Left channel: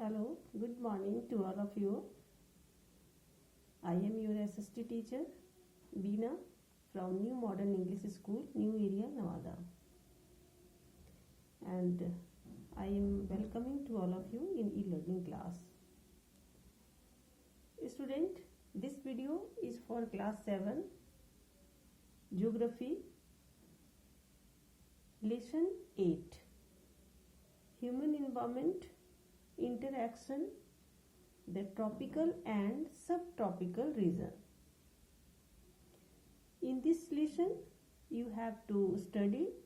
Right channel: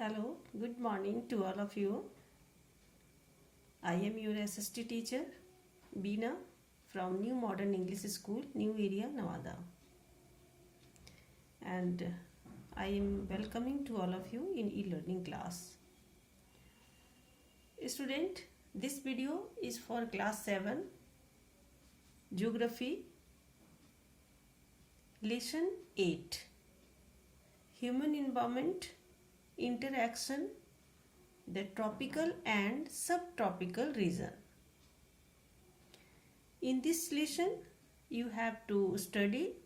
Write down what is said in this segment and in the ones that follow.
Hello, good morning to all of you. I am your SST teacher, Beena from New Modern English School, New Area, Nevada. And I am welcoming to all of you in e-learning class. Student, this video is for class 7, Geography, Lesson 8, Human Environment, Interaction, the tropical and subtropical region. In this lesson, you have to study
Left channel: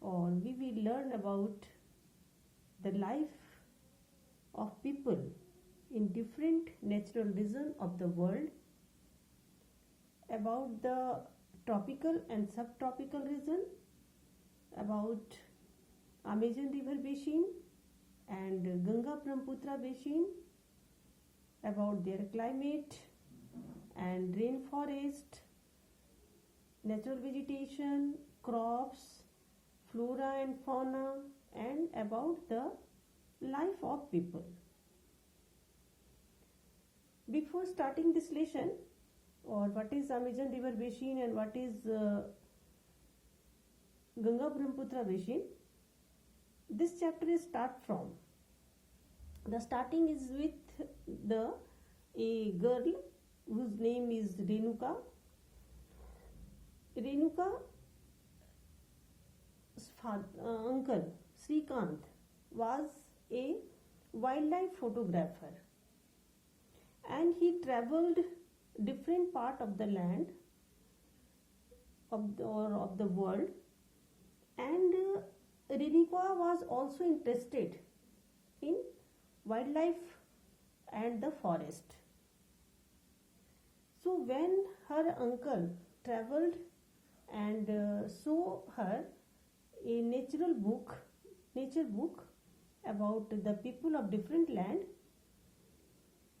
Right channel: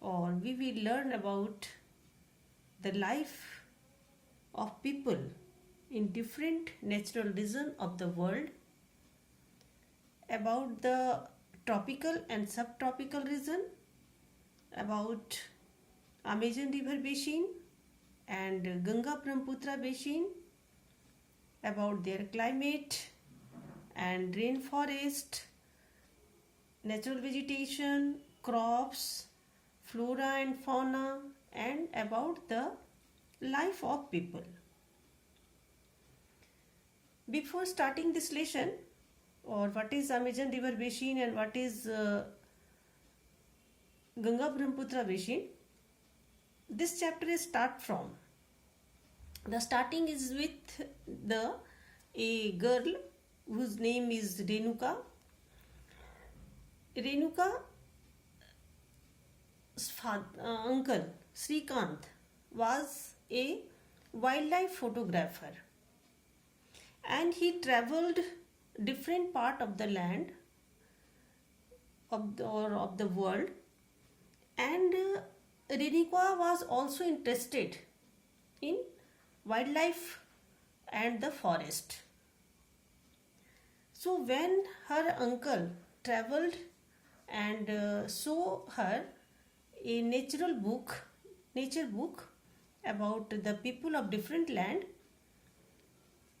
or we will learn about the life of people in different natural regions of the world, about the tropical and subtropical region, about Amazon River Basin and Ganga Brahmaputra Basin, about their climate and rainforest, natural vegetation, crops, flora and fauna, and about the life of people. Before starting this lesson, or what is Amazon River Basin and what is Ganga Brahmaputra Basin, this chapter is start from. The starting is with a girl whose name is Renuka. Renuka's uncle Srikant was a wildlife photographer, and he traveled different part of the land of the world, and Renuka was also interested in wildlife and the forest. So when her uncle traveled and saw her a nature book about the people of different land,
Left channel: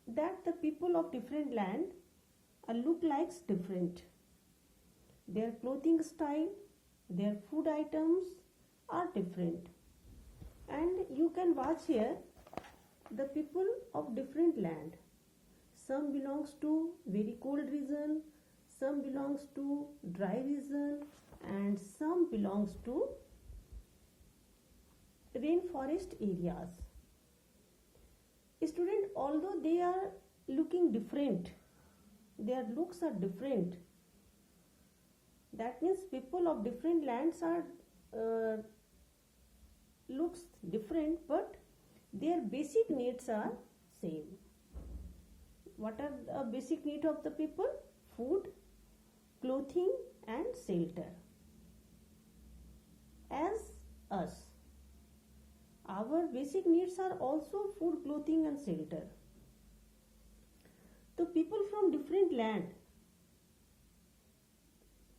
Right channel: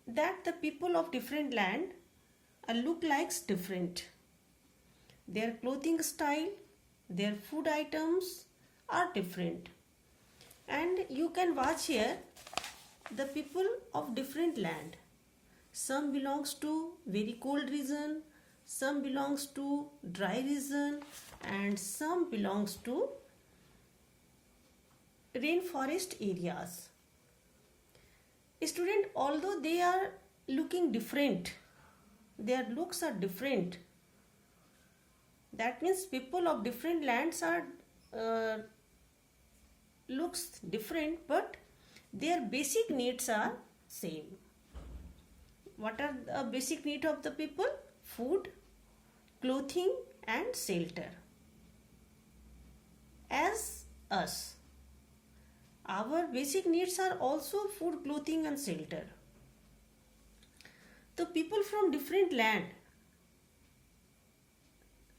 that the people of different land look like different. Their clothing style, their food items are different. And you can watch here the people of different land. Some belongs to very cold region, some belongs to dry region, and some belongs to rainforest areas. Student, although they are looking different, their looks are different. That means people of different lands are looks different, but their basic needs are same. What are the basic needs of the people? Food, clothing and shelter. As us, our basic needs are also food, clothing and shelter. The people from different land,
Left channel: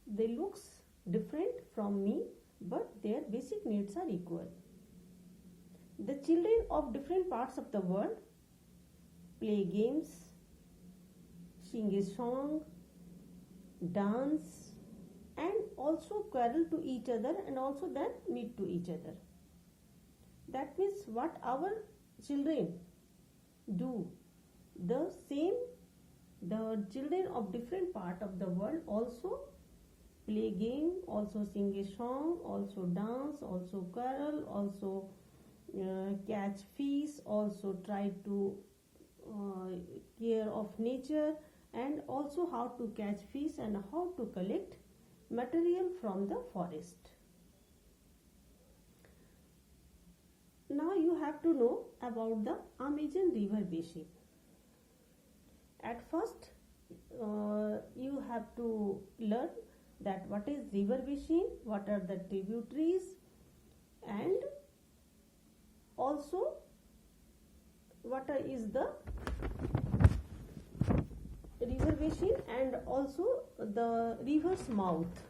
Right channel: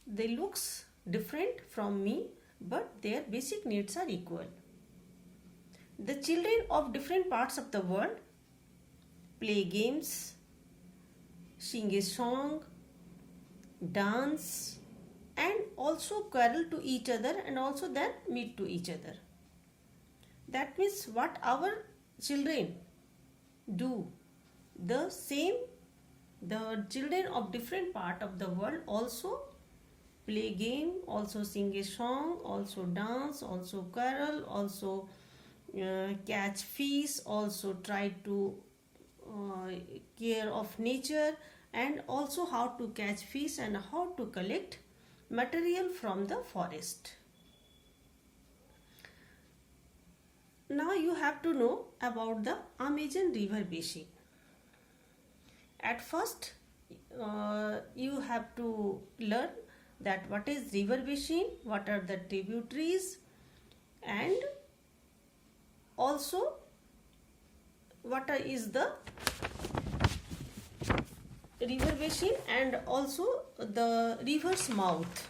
they looks different from me, but their basic needs are equal. The children of different parts of the world play games, sing a song, dance, and also quarrel to each other, and also then meet to each other. That means what our children do, the same the children of different part of the world also play game, also sing a song, also dance, also quarrel, also catch fish, also try to care of nature, and also how to catch fish and how to collect material from the forest. Now you have to know about the Amazon River Basin. At first you have to learn that what is river basin, what are the tributaries, and also what is the river basin, and also the river's mouth.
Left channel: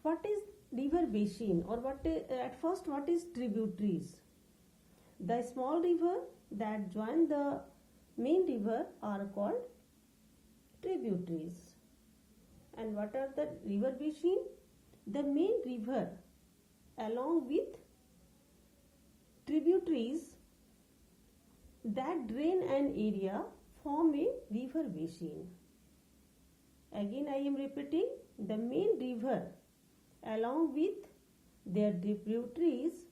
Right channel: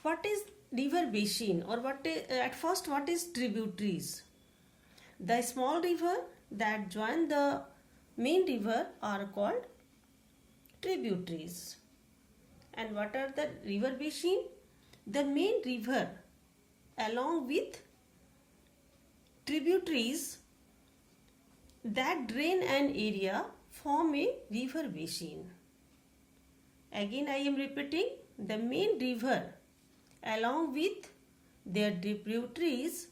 What is river basin, or at first what is tributaries? The small river that join the main river are called tributaries. And what are the river basin? The main river along with tributaries that drain an area form a river basin. Again, I am repeating, the main river along with their tributaries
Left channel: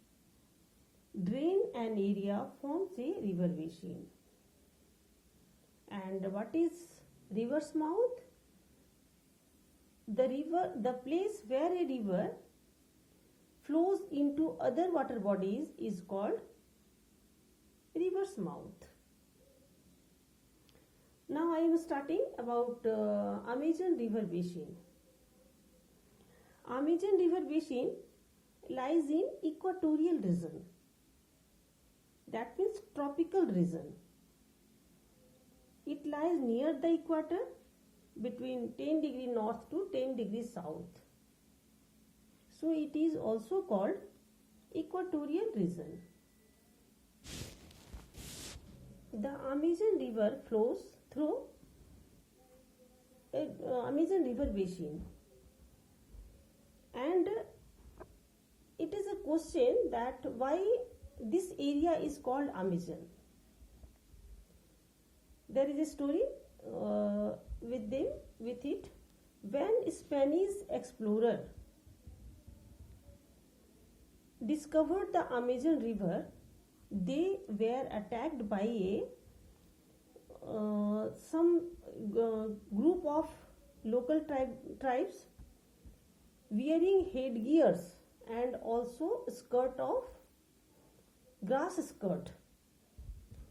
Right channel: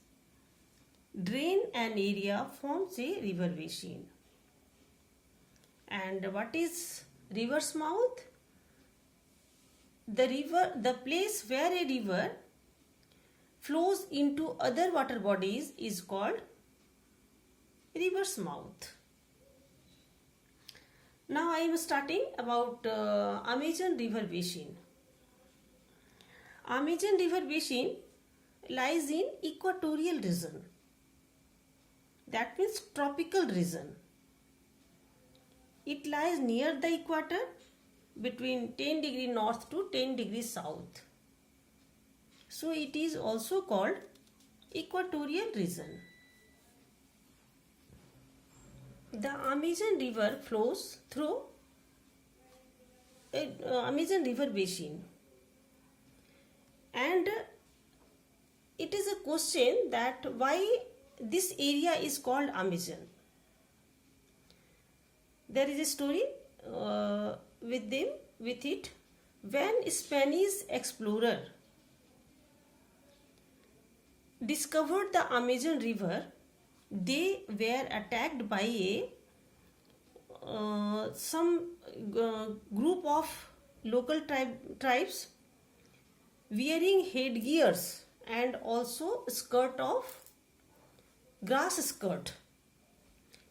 drain an area forms a river basin. And what is river's mouth? The place where a river flows into other water bodies is called river's mouth. Now I am starting about Amazon river basin. Amazon river basin lies in equatorial region. That means tropical region. It lies near the equator between 10 degree north to 10 degrees south. So it is also called equatorial region. The Amazon river flows through Amazon river basin, and it is a question that why this area is called Amazon. There is a story with it. When Spanish explorer discovered the Amazon river, they were attacked by some group of local tribes wearing headgears and also skirt of grass skirt,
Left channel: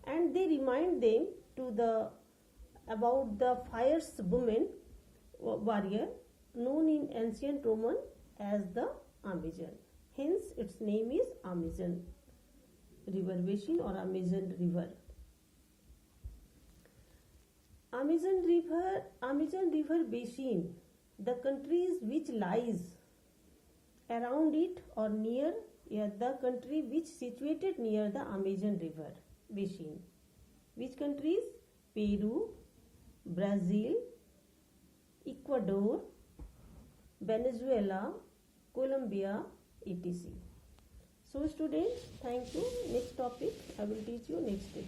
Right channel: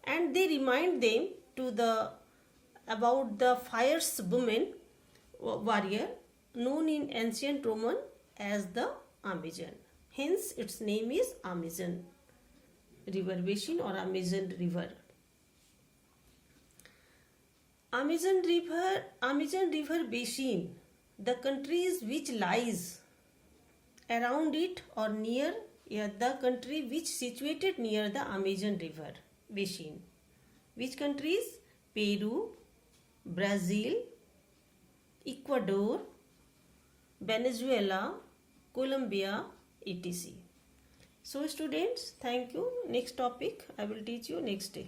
and they remind them about the fierce woman warrior known in ancient Roman as the Amazon. Hence its name is Amazon river basin or Amazon river. Amazon river basin, the countries which lies around it or near the country which situated near the Amazon river basin. Which countries? Peru, Brazil, Ecuador, Venezuela, Colombia, etc. So students, thank you. Next topic I will teach you next day.